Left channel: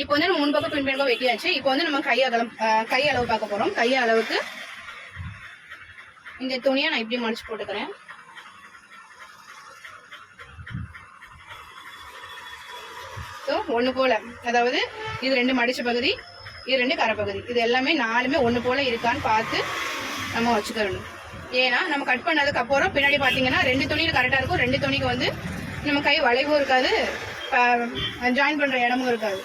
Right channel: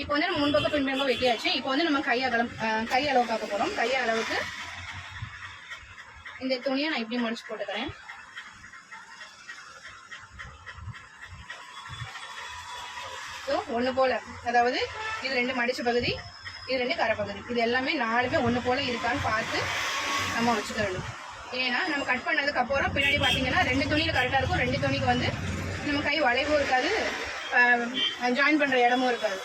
இப்போ வந்து நம்ம முன்பக்கம் பின்பக்கம் வெட்டியாச்சு. இப்போ வந்து நம்ம கை அளவு பார்க்க போறோம். கை அளவுக்கு இந்த துணியை நான் இப்படி மடிச்சு போட்டுக்கிறேன். ஒண்ணு போல, அதாவது இது 2 மடிச்ச பகுதி, இது 2 கரை பகுதி, இது எல்லாமே 4மே ஒண்ணு போல இருக்கான்னு பார்த்து நம்ம வச்சுக்க வேண்டும். ஏன்னா நம்ம கட் பண்ணதுக்கு அப்புறம் பின்னாடி பாத்தீங்கன்னா 2 துணியில கரெக்டா இருக்கும். 2 துணிக்கு வந்து நம்ம கை வளைவும் இருக்காது, ஜாயின் பண்ற இடமும் இருக்காது.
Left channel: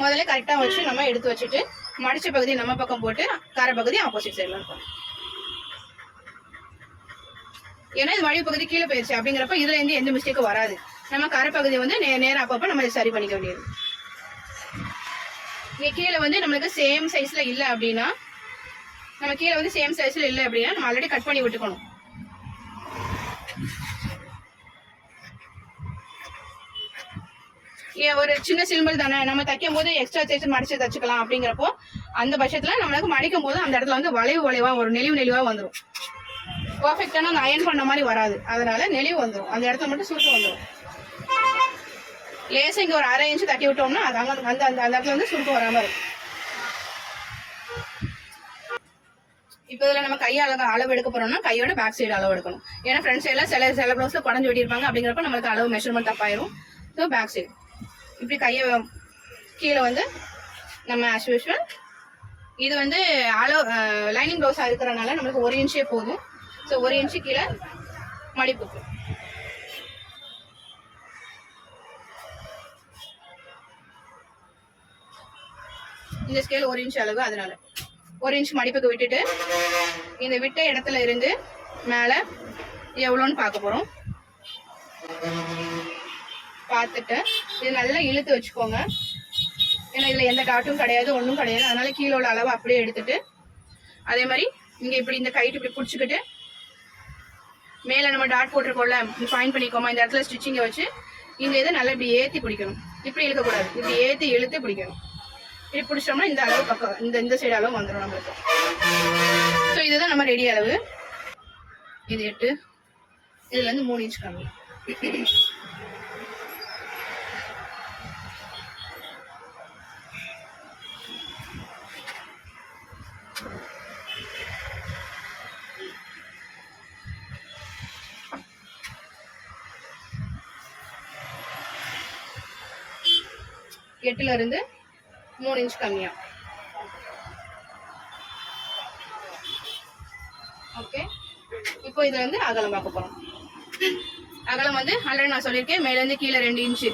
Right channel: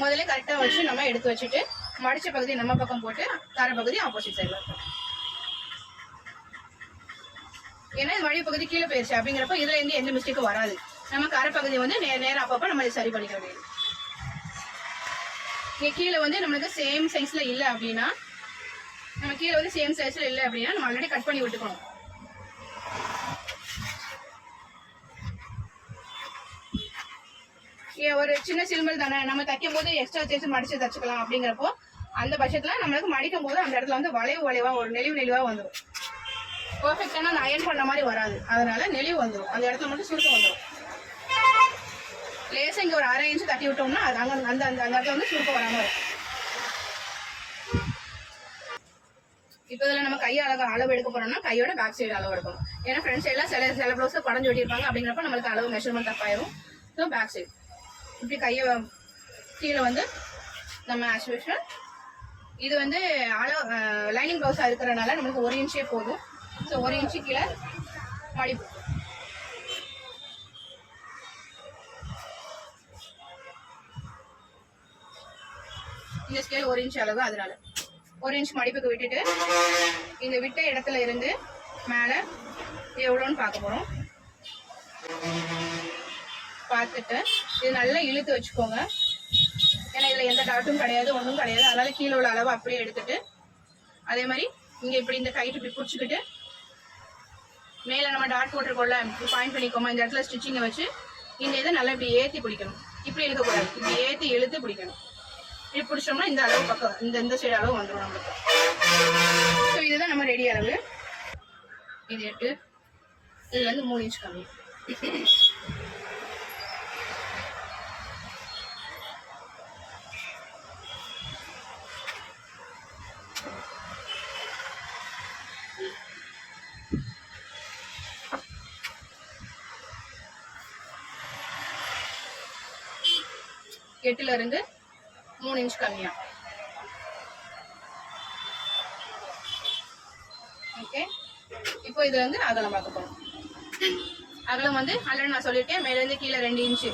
முதல்ல கரெக்டா வச்சு நம்ம எடுத்து வச்சுட்டு மடிச்ச பகுதி நம்ம பக்கம் போட்டு கரை பகுதி ஆப்போசிட் சைட்ல இருக்கும். ஏன்னா இது வழி பகுதி கீழே போயிருச்சு அப்படிங்கிறப்ப இதுல இருந்து எந்த மிஸ்டேக்கும் வராது. நம்ம கரை பகுதியை வந்து நேரம் அப்பப்ப நம்ம சரி பண்ணிக்க வேண்டியது. இங்க கீழே வந்து நம்மளுக்கு சேம் சைஸ்ல இல்லை அப்படின்னா, நம்ம கீழே வந்து சேம் சைஸ்ல இல்லை அப்படின்னா நம்ம ஆல்ரெடி கட் பண்ணி விட்டுக்கணும். ஒரு சின்ன சிம்பிள் தானே, நம்ம தைக்கும் போது எக்ஸ்ட்ரா சைஸ் மடிச்சு தச்சுக்கலாம். அப்படிங்கிறப்போ அந்த பட்சத்துல நம்மளுக்கு மடிக்கும் போது அந்த இடத்துல வந்து வளைவா ஒரு நெளிவா வந்துடும். பர்ஃபெக்டான அந்த அயன் பண்ண மாதிரி வராது. அதனால நெளிவு வந்துடும், அந்த இடத்துல மட்டும் சுருக்கம் வந்துடும். லேசா இங்க ஒரு 1/2 இன்ச் தட்டி விட்டோம்னா அது அந்த அந்த இடத்துல வந்து சுருக்கம் வராம இருக்கும். இப்போ இதில் நம்ம கையை அளவு எடுக்க போறோம்னா கையோட பேக் சைடு அளவு எடுக்கணும். ஏன்னா ஃப்ரண்ட் சைடில் சில ப்ளவுஸ்ல குடஞ்சு வெட்டியிருப்பாங்க. அப்படிங்கிறப்ப நம்மளுக்கு அளவு மெஷர்மெண்ட் தப்பாயிரும். ஸோ பேக் சைடு இப்படி கையை கீழே வந்து நம்ம ஆஸ் யூஷுவல் இது வந்து லைனிங் ப்ளவுஸாக இருக்கிறனால நம்மளுக்கு 1 இன்ச்சே போதும். ஸோ 1 இன்ச்சு கீழே மடிப்புக்கு இந்த ஸ்கேல் 1 இன்ச் அளவு, அதனால 1 இன்ச் மடிப்புக்கு விட்டுட்டு இந்த விட்ட இடத்துல இருந்து மேலே எவ்வளோன்னு பார்க்க போகிறோம். பார்த்துட்டு இது நல்லா இழுத்து வச்சுக்கோங்க. ஏன்னா இதில் எந்த டாட்டும் கிடையாது, ஒன்றும் கிடையாது. அதனால கீழோட அளவு அப்படியே எடுத்துட்டு அதே மாதிரி இங்கே இப்படி இந்த கைட்டு இப்படி பிடிச்சிக்கிட்டு மேலே நம்ம டாட் போட்டுருக்கோம்ல, பாயிண்ட் பண்ணிக்கோமா, இந்த இடத்துல ஸ்டிச்சிங்கை வச்சு இந்த இதை நல்லா இப்படி ஏற்றி பிடிக்கணும். இப்படி இழுக்கக்கூடாது, இப்படி ஏற்றி இழுத்து பிடிக்கணும். இப்படி பிடிச்சோம்னா இந்த அளவு பக்கம் இந்த சைடு அளவு வந்துடும் நம்மளுக்கு. ஸோ இதுதான் நம்ம ரெடி அளவு. இது 8, இதுல இருந்து 3 இன்ச் கம்மி. எட்டுல இருந்து 3 இன்ச் கம்மியா. ஓகே, இப்போ இதுல வந்து அகலம் பார்க்க போறோம். அகலம் வந்து ஆல்ரெடி நான் சொல்லியிருக்கேன், மேல இருந்து கீழே 2 இன்ச்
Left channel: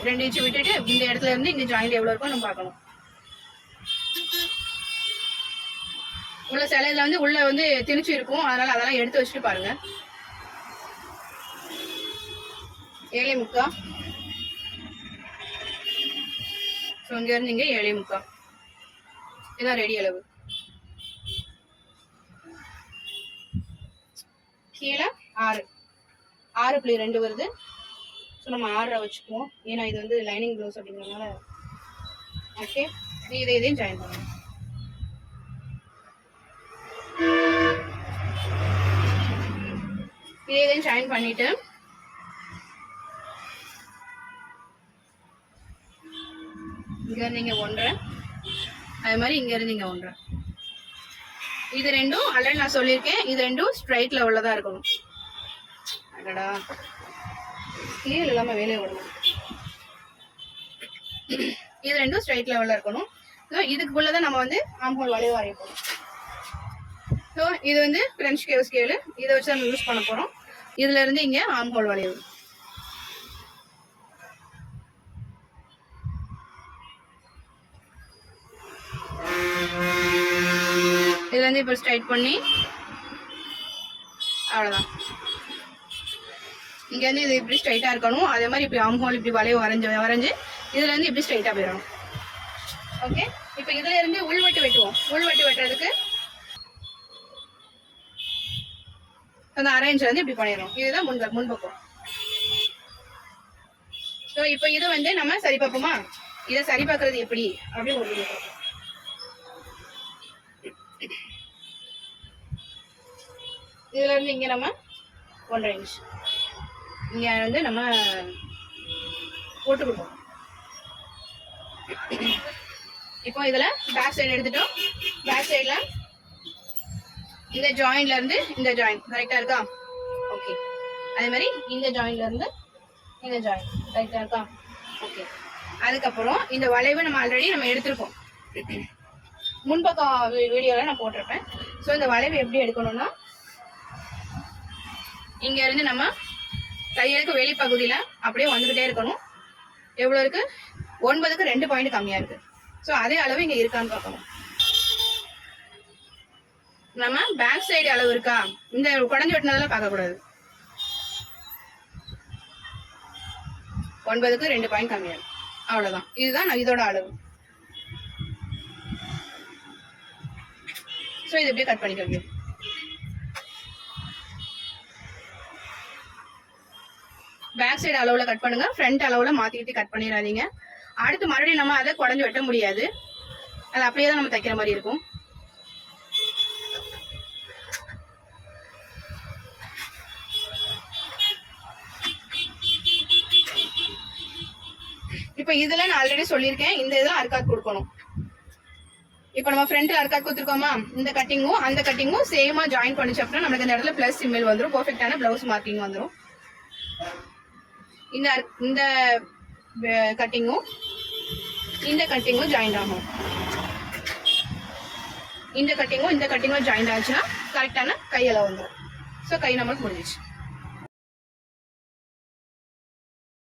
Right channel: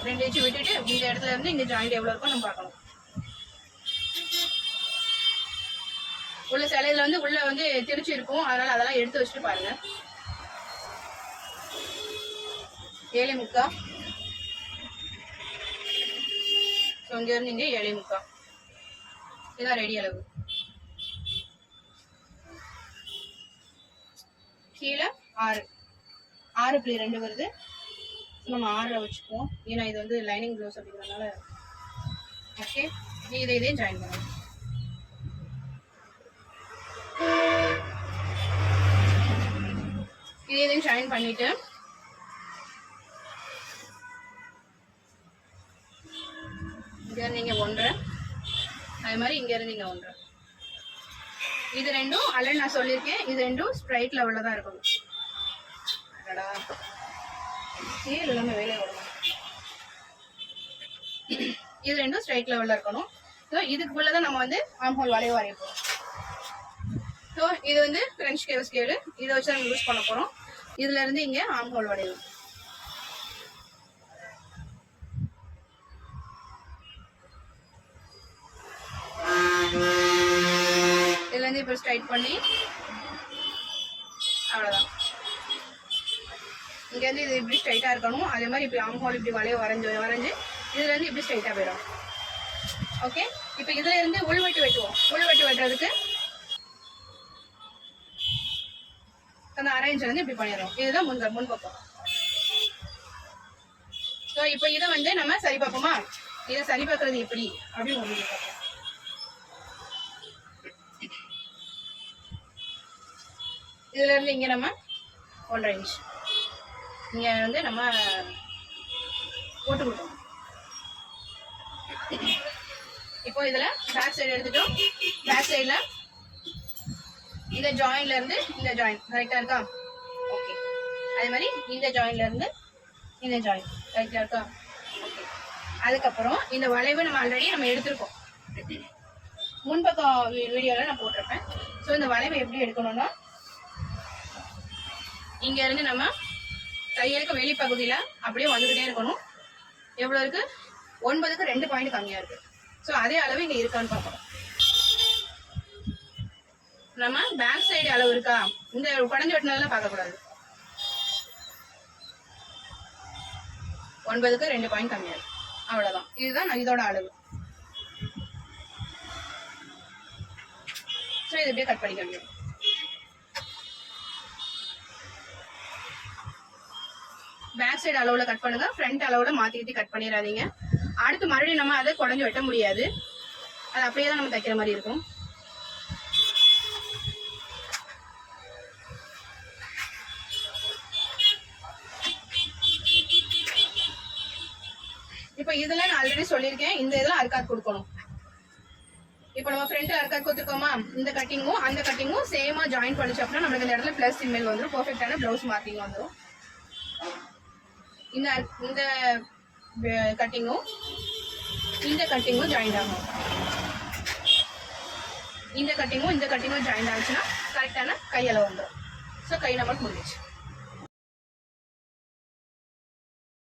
விட்டுட்டு இந்த இடத்துல இருந்து இங்க ஜாயிண்ட் எவ்வளவு இருக்கும் நம்ம பார்க்கணும். உள்ள சிலையில வந்து உள்ள வந்து திணிச்சு இருக்கும், அதனால அதெல்லாம் எடுத்து வச்சுட்டு பாருங்க. 7.75. ஸோ இங்க இருந்து இங்க 7.75. இதான் ரெடி அளவு. கீழே 6.2 வருது. ஸோ நம்ம 6 வச்சுக்குவோம், ஏன்னா இது வந்து லைனிங் ப்ளவுஸ் அப்படிங்கிறதுனால. ஓகே, நீ இதையும் ஜாயின் பண்ணுங்க. இதையும் ஜாயின் பண்ணிட்டு இங்க இருந்து இங்க 1.5, அதே மாதிரி இங்க இருந்து இங்க 1.5. இது ரெண்டும் ஆல்ரெடி நான் சொல்லியிருக்கேன், இது ரெண்டும் ஸ்ட்ரைட் லெவல்ல தான் இருக்கணும். அடடா, கீழே இல்லாம வேலையை விடணும். இது ரெண்டும் ஸ்ட்ரைட் லெவல்ல இருக்கணும். ஸோ இதுக்குள்ளதான் நம்ம வந்து ஆம் ஹோல் வளைவு வரைய போறோம். ஸோ இது வந்து ஃப்ரெஞ்ச் கேவ் ஸ்கேலு, இதை வச்சு நம்ம யூஸ் பண்ண போறோம். இதுல இருந்து இங்க ஆம் ஹோல் வளைவு. இதுல இருந்து இப்ப ஸ்ட்ரைட் பண்ணி அவ்வளவுதான். இங்க இருந்து இது இப்படி ஸ்ட்ரைட்டா இருக்கணும். அதே மாதிரி இப்படி ஆம் ஹோல் இப்படி வளைவு வரைஞ்சு இதுல இருந்து இப்படி ஸ்ட்ரைட்டா போயிடணும். ஓகே, இப்ப இதுல இருந்து உள்வெட்டு வெட்டுவோம். உள்வெட்டு வெட்டுறதுக்கு அந்த அரேஞ்ச் வந்து இப்படி பண்ணிடுறோம். இதுதான் முன்பக்கம். ஸோ இப்போ இது வந்து நம்ம சரி பார்ப்போமா, இது சரி பார்க்கறது எப்படி அப்படின்னு ஒரு பார்ப்போம். இதுல இருந்து இங்க நம்ம 1.5 இன்ச் இங்க வந்து நம்ம போட்டு கொடுப்போம். இப்போ இதுல பேக் சைடு எடுத்துட்டோம். பேக் சைடுல இந்த ஜாயின்ல இருந்து இந்த ஜாயின் கரெக்டா இருக்கா? ஓகே. அதே மாதிரி இந்த ஜாயின்ல இருந்து இந்த ஜாயின் கரெக்டா இருக்கா? ஓகே. அதுக்கப்புறம் இந்த வளைவு நம்ம ஆல்ரெடி எடுத்திருக்கோம். முன்பக்கம் வீடியோல நான் போட்டிருப்பேன். ஸோ இந்த வளைவு எப்படி எடுக்கணும்னா, இங்க இருந்து நம்ம தையலுக்கு வெளிப்பகுதியில அப்படியே வந்துகிட்டே இருக்கணும். எவ்வளவு இருக்கு? 9க்கு 2 பாயிண்ட் கம்மியா இருக்கு. ஸோ அதே அளவு இங்க இருக்கான்னு பார்க்கணும். நம்ம பேக் சைடு அளவு இருக்கா, இந்த குடஞ்சு வெட்டினதுல பார்க்க கூடாது. 9க்கு 2 பாயிண்ட் கம்மியா இருக்கு. அவ்வளவுதான். இதுதான் இதோட அளவு. ஸோ இது எப்படியே கட் பண்ணிக்க. பேக் சைடு அளவுல கட் பண்ணுங்க, ஃப்ரண்ட் அளவுல மாத்திக்கிட்டு கட் பண்ணிடாதீங்க. அடுத்து மறுபடியும் நம்ம அதை குடஞ்சு வெட்ட முடியாது. அது அப்படியே தான் நம்ம தைக்கிற மாதிரி இருக்கும். இப்ப இதுல நான் ஆல்ரெடி சொல்லியிருக்கேன், இந்த இதுல அர்க்காட் கொடுக்கணும். இப்ப நம்ம ஃப்ரண்ட்ல அர்க்காட் கொடுத்துருக்கோமா, இந்த கட்டிங்கும் அந்த கட்டிங்கும் சேமா ஜாயின் பண்ணிச்சு அப்படின்னா நமக்கு இந்த இடத்துல பிளஸ் சிம்பிள் வந்துடும். பெர்ஃபெக்டான பிளவுஸ் மார்க்கிங் வந்துடும். இந்த கட்டிங்கும் இந்த கட்டிங்கும் ஜாயின் ஆகும். இந்த கட்டிங்கும் ஜாயின் ஆச்சுன்னா கரெக்டான கையளவு வந்துடும். ஸோ கை நம்மளுக்கு முடிஞ்சிச்சு.